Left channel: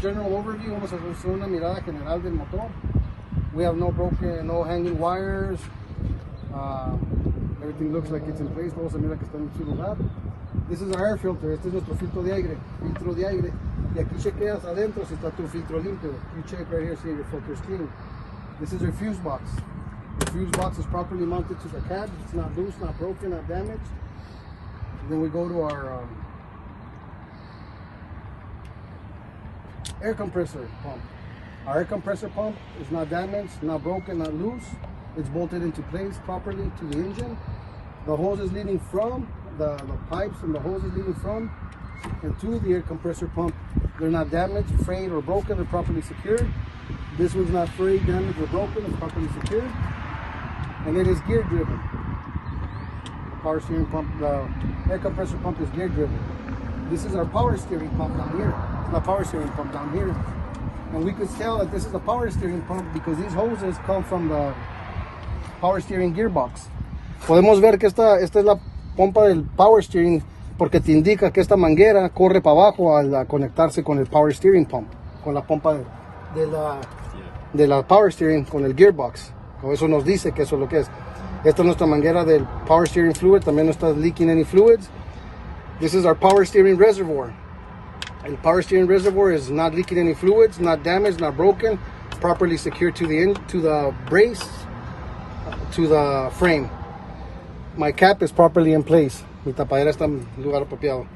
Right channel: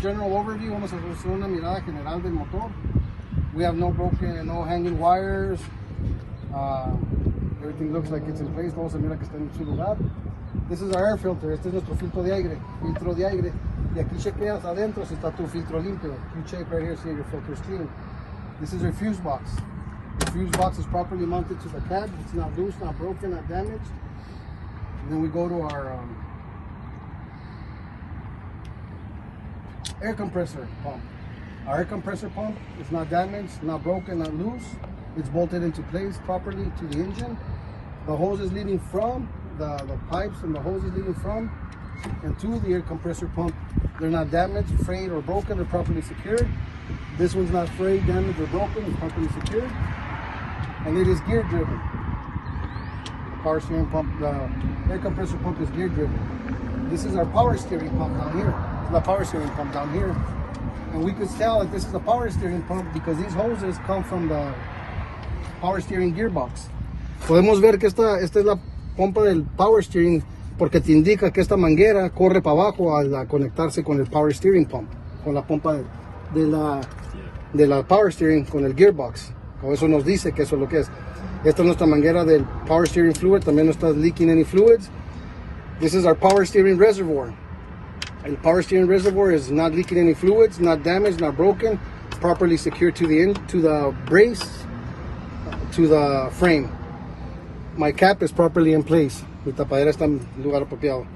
general overview. Vamos a hacer una mirada general del motor. We have no broken, no hanging wires. Everything looks like it's in place. Vamos a mirar que está en su lugar. This is our air filter. Este es nuestro filtro de aire. Y aquí chequeas adentro si está tu filtro limpio. You check right here, see your filter is clean. This is your fuse box. The fuse box is properly mounted to the cab. It's not loose, not broken, not damaged. And then we go to our air compressor pump. Our air compressor pump is not damaged, not broken, not loose. It's bolted into place properly to the engine. The hose is leading from, the pipes and the hose is leading from and to the air compressor pump. They're not damaged, frayed, or broken. They're properly secured. This one's not frayed, damaged, or broken. It's properly secured. And it is gear driven. The power steering pump, the air compressor pump is gear driven. This is our power steering pump down here. The power steering pump down here. And we could tell that this is the power steering pump because these hoses come from the power steering gearbox. Podemos ver que esta es la pompa del power steering porque te indica que esta manguera corre para abajo al conectarse con el power steering pump, con la pompa de la power steering con el gearbox. O eso nos dice que eso es lo que es. Esta es nuestra manguera del power steering fluid. También no está leaking any fluids. This is our power steering reservoir. And the power steering reservoir is not leaking any fluids, not damaged, not broken, properly secured to the brace, to the frame. My cap is properly in place. Mi tapadera está en lugar apropiado.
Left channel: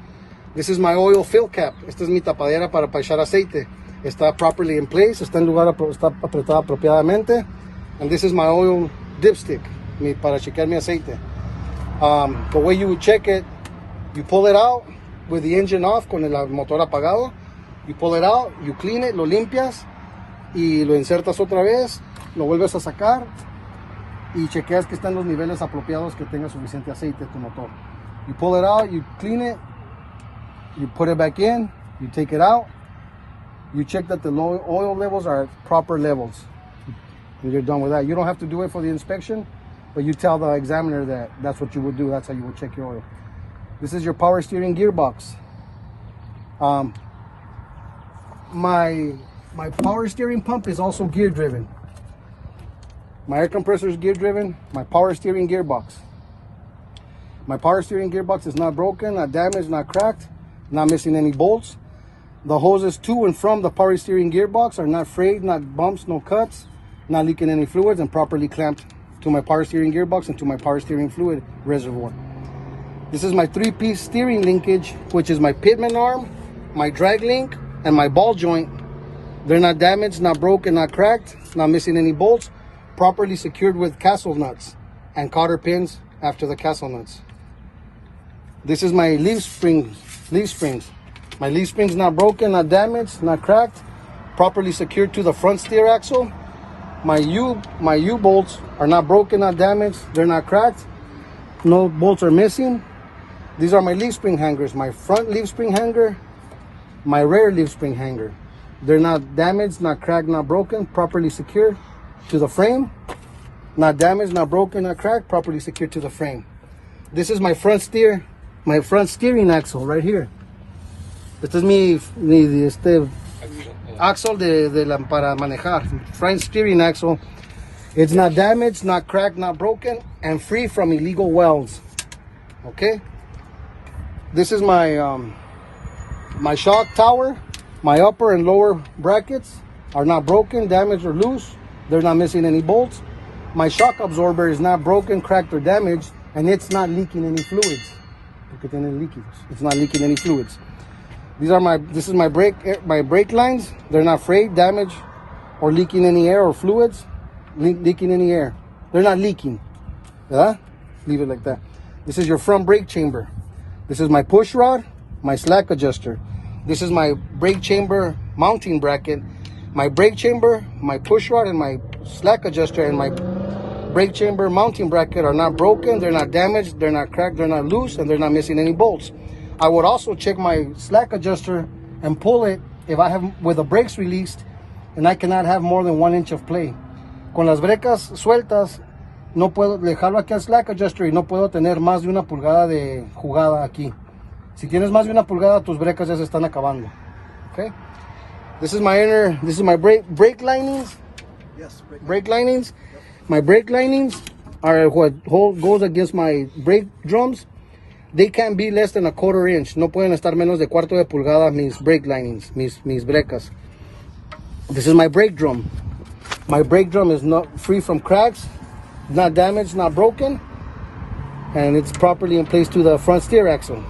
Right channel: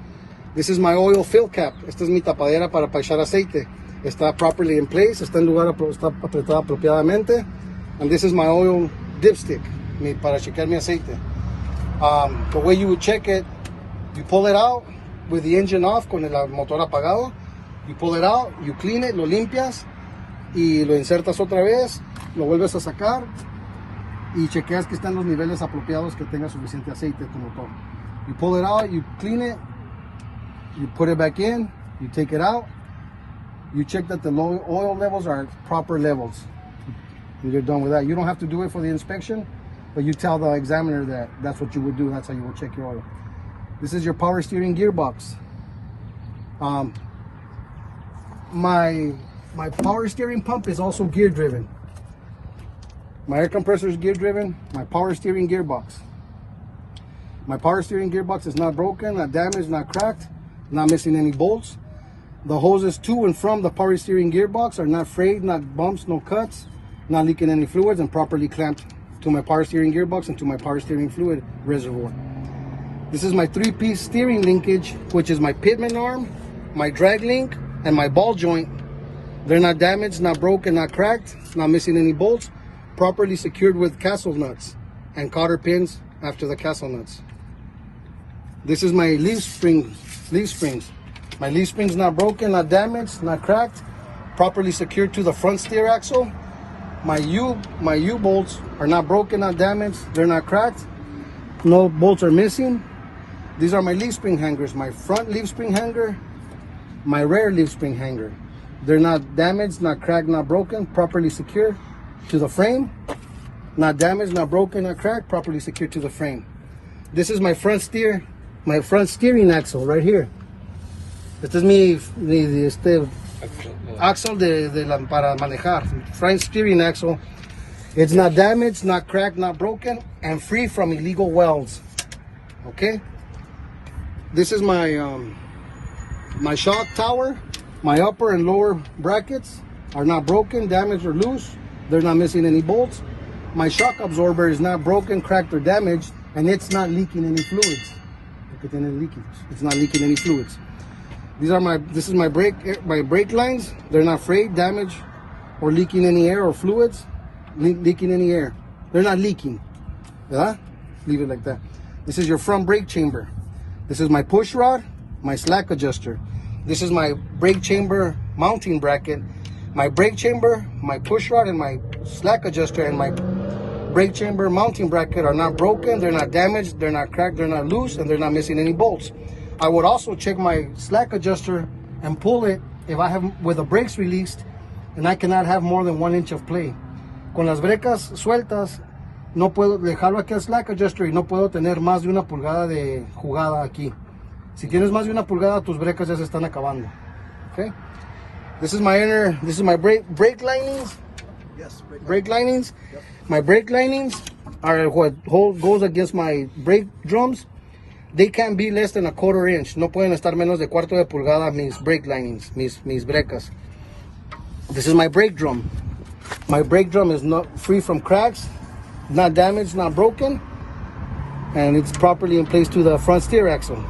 This is my oil fill cap. Esta es mi tapadera para echar aceite. Está properly in place, está en lugar, está apretada apropiadamente. And this is my oil dipstick, para chequear mi aceite. The way you would check it, you pull it out with the engine off, con el motor apagado. You pull it out, you clean it, lo limpias y lo insertas otra vez, lo vuelves a sacar y chequeas que están los niveles apropiados, que tenga suficiente aceite en tu motor. You pull it out, you clean it, you put it back in, you take it out, you check that the oil levels are at proper levels. And you're done with that. You don't have to do it for the inspection, but you tell the examiner that that's what you would do. That's how you would check your oil. This is your power steering gearbox. My power steering pump is also gear driven. My air compressor is gear driven. My power steering gearbox. My power steering gearbox is not broken, not damaged, not cracked, not missing any bolts. The hoses to and from the power steering gearbox are not frayed, not bumps, no cuts, not leaking any fluids, and properly clamped to my power steering gearbox and to my power steering fluid reservoir. This is my 3-piece steering linkage, which is my pitman arm, my drag link, and my ball joint. They're not damaged, not broken, not cracked, not missing any bolts, properly secured with castle nuts and cotter pins after the castle nuts. This is my leaf springs. My leaf springs not broken, not damaged, not cracked, properly secured to the front steer axle. My U-bolts are not broken, not damaged, they're not cracked, no bolts are missing. These are my leaf spring hangers, my front leaf spring hanger, my rear leaf spring hanger. They're not damaged, not cracked, not broken, properly secured to the frame. Not damaged, not broken, not cracked, properly secured to the frame. This is my front steering axle right here. Este es mi axle para manejar. Front steering axle. It's not damaged, not cracked, not broken, and free from illegal welds. Okay. This is my my shock tower. My upper and lower brackets are not broken, damaged, or loose. They're not missing any bolts. My shock absorber is not broken, cracked, or damaged, and it's not leaking any fluids. It's not leaking any fluids. This is my brake lines. They're not frayed, damaged, or leaking any air or fluids. Leaking any air. They're not leaking. Yeah? Leave it like that. This is your front brake chamber. This is my push rod, my slack adjuster. This is my brake chamber mounting bracket. My brake chamber, my push rod, and my slack adjuster and my brake chamber mounting bracket are not broken, they're not damaged, they're not cracked, they're not loose, and they're not missing any bolts. I would also check my slack adjuster and pull it if I have with the brakes released and I cannot have more than 1 inch of play. Con las brecas sueltas no puedo dejarlo aquí al slack adjuster y no puedo tener más de 1 pulgada de jugada aquí. Si tienes más de 1 pulgada, tus brecas ya se están acabando. Okay? This is my brake linings. Yes. Brake linings. Yep. My brake linings are what goes against my brake drums. They can't be less than a 1/4 inch. No pueden estar menos de cuarto de pulgada mis brake linings, mis brecas. This is my brake drum. My brake drum is not free from cracks, not damaged, not broken, and it's properly in place to the front steer axle.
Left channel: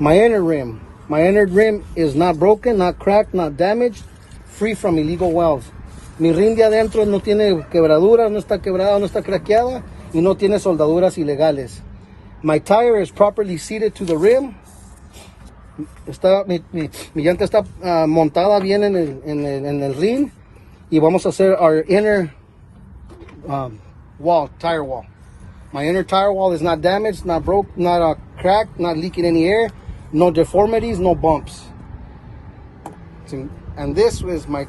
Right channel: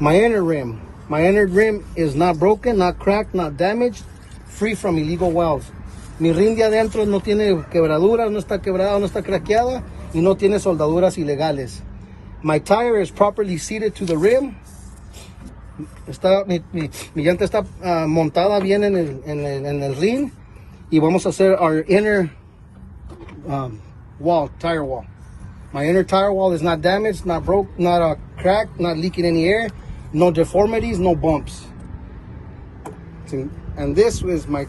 My inner rim is not broken, not cracked, not damaged, free from illegal welds. Mi rim de adentro no tiene quebraduras, no está quebrada, no está craqueada y no tiene soldaduras ilegales. My tire is properly seated to the rim. Mi llanta está montada bien en el rim y vamos a hacer our inner tire wall. My inner tire wall is not damaged, not broke, not cracked, not leaking any air, no deformities, no bumps. And this is my